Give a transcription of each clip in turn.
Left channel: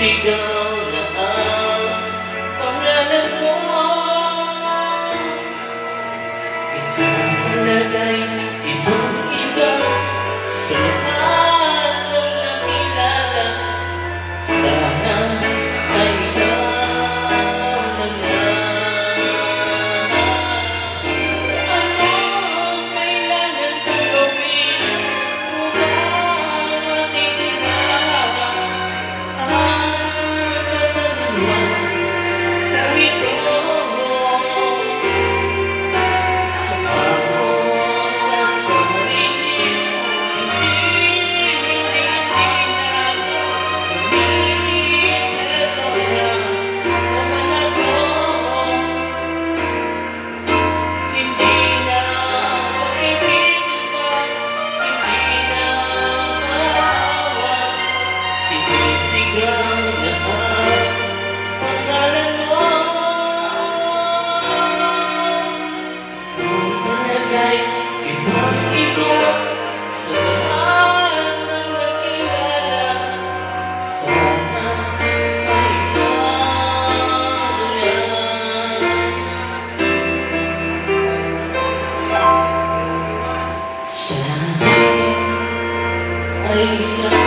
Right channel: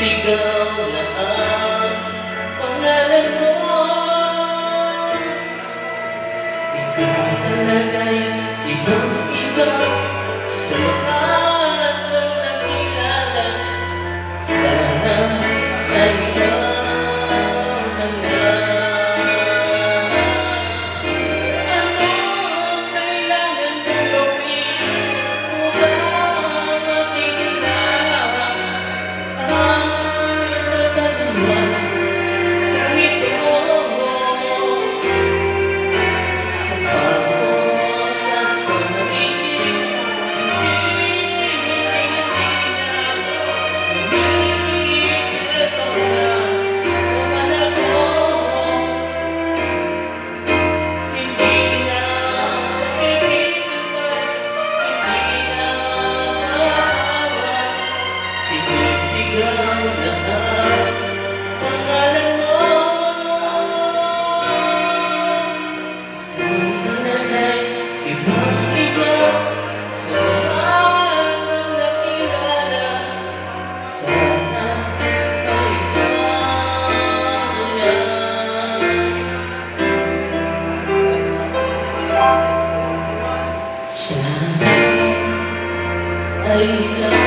Sigaw na ang pangalan ko. Ikaw talaga'y ibang-iba sa lahat ng nakilala. Sana ay ikaw na lang. Ano kailangan kong gawin upang makikilala sigaw na ang pangalan mo. Kung talaga'y ibang-iba sa lahat ng nakilala, sana ay ikaw na lang. Sana ay ikaw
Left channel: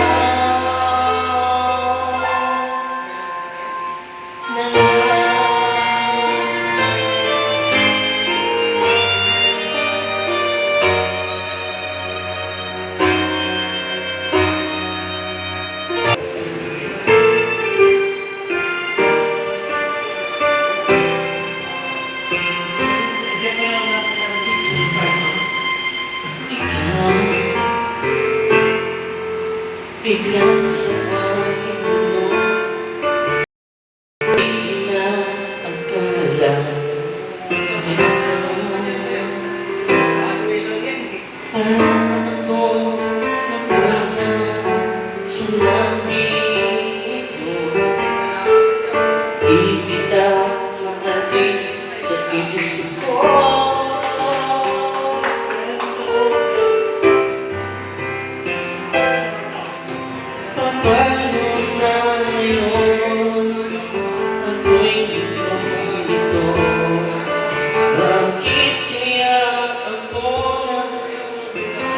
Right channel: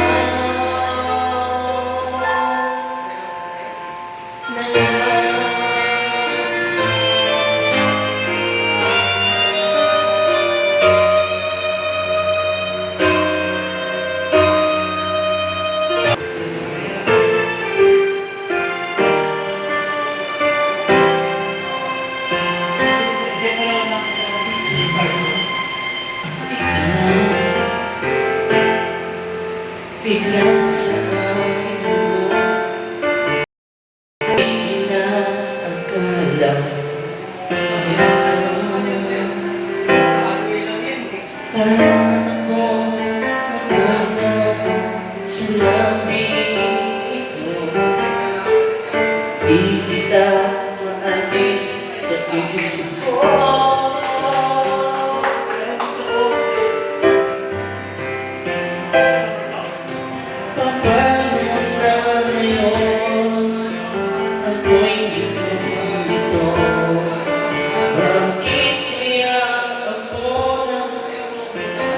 biglang sa akin mo, di na akala. Parang ako napunta sa langit mo. Di kita maalis sa isip ko. Bakit kaya ako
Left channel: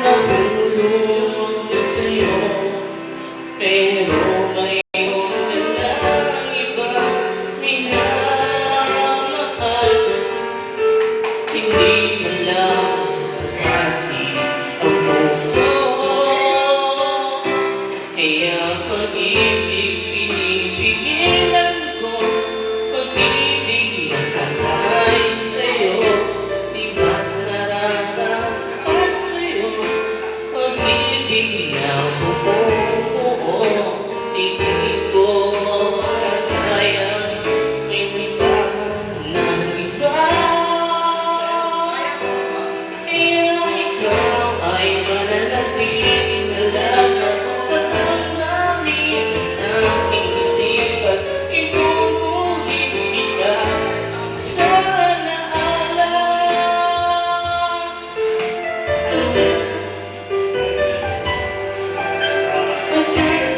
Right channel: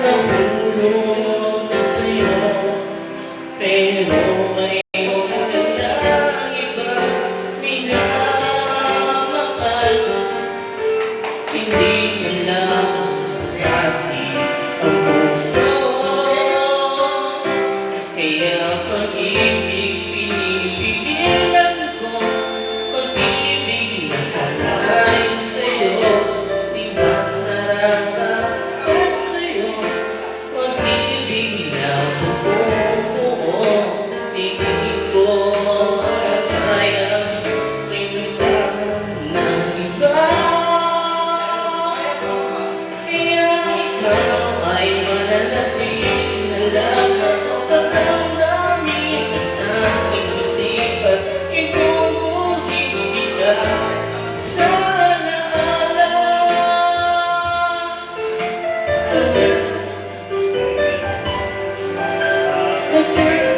nahulog na sa'yo? Pero ngayon ka na ibang minamahal. Hindi mo lang pati ang puso. Kaya pag-ibig pinipigilan ko, pag-ibig na sanay sa'yo. Di ba't nararapat sa'yo, pag-ibig na buo-buo. Di ko makakayang minsan ng iba. Kaya ikaw ay mananatiling na lang sa damdamin ng aking isipan. Itutuloy ka sa alaala. Pagkat tayo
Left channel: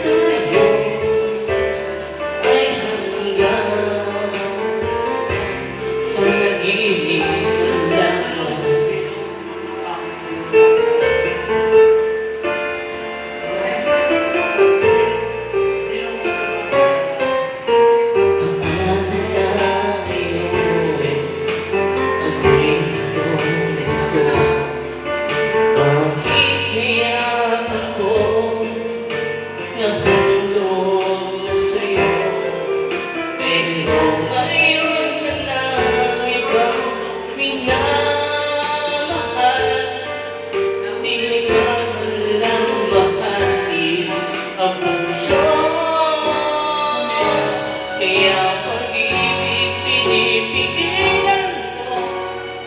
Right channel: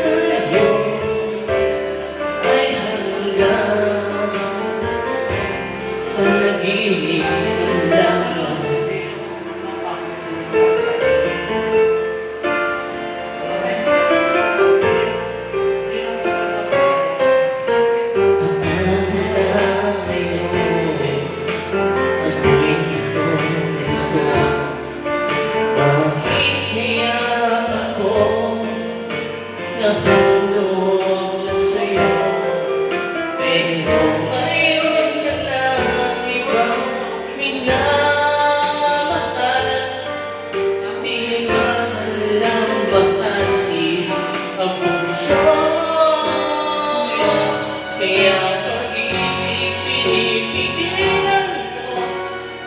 Kaya pag-ibig pinipigilan ko,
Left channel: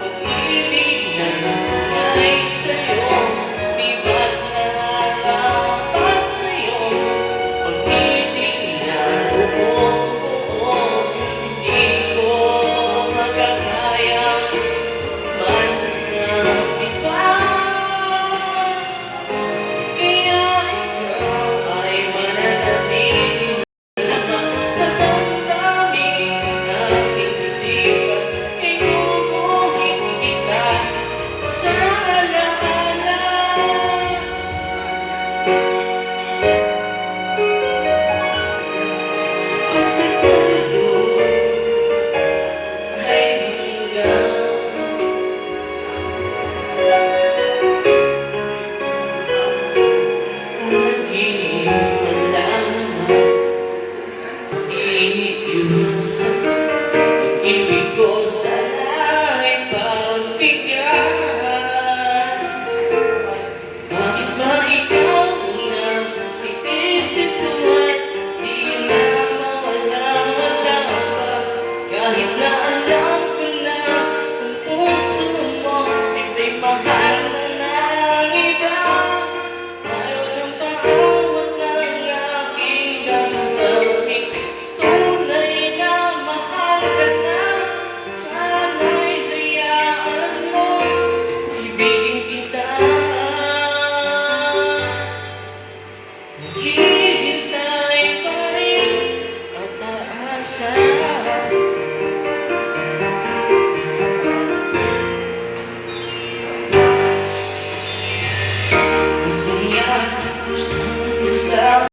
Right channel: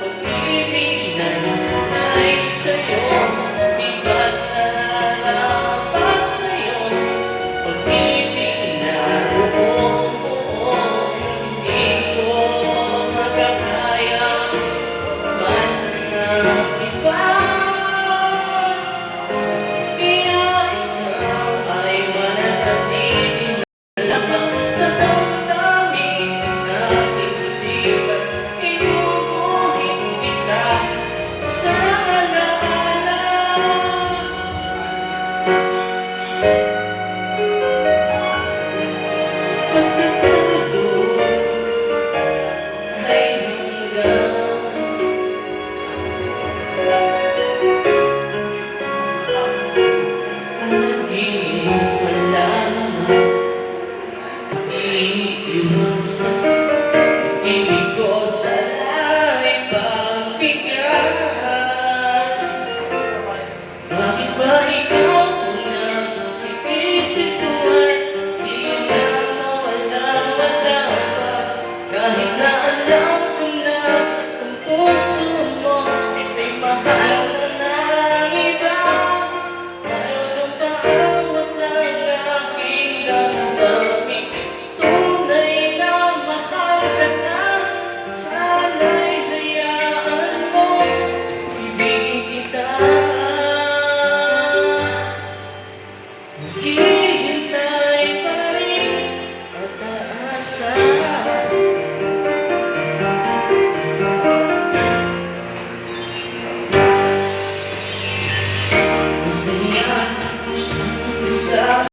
pag-ibig na nasanay sa'yo, di ba't nararapat sa'yo? Pag-ibig na buo, hindi ko magagayang maghanap iba. Kaya ikaw ay mananatili lamang sa damdamin ng aking isipan. Inuulit kita sa alaala. Pagkatuloy ay hanggang panaginip lamang iiwasan. Ibig ko sana'y pagbigyan. Bakit ba ikaw unang iisip ko at di na mawala-wala pa? Kahit na alam ko na ang puso mo ay mahal na ng iba. Ayaw ng paawat ng aking damdamin. Tunay na mahal ka na. Sana'y hayaan mo ibigin kita. Maghihintay pa rin at aasa. Masaya sa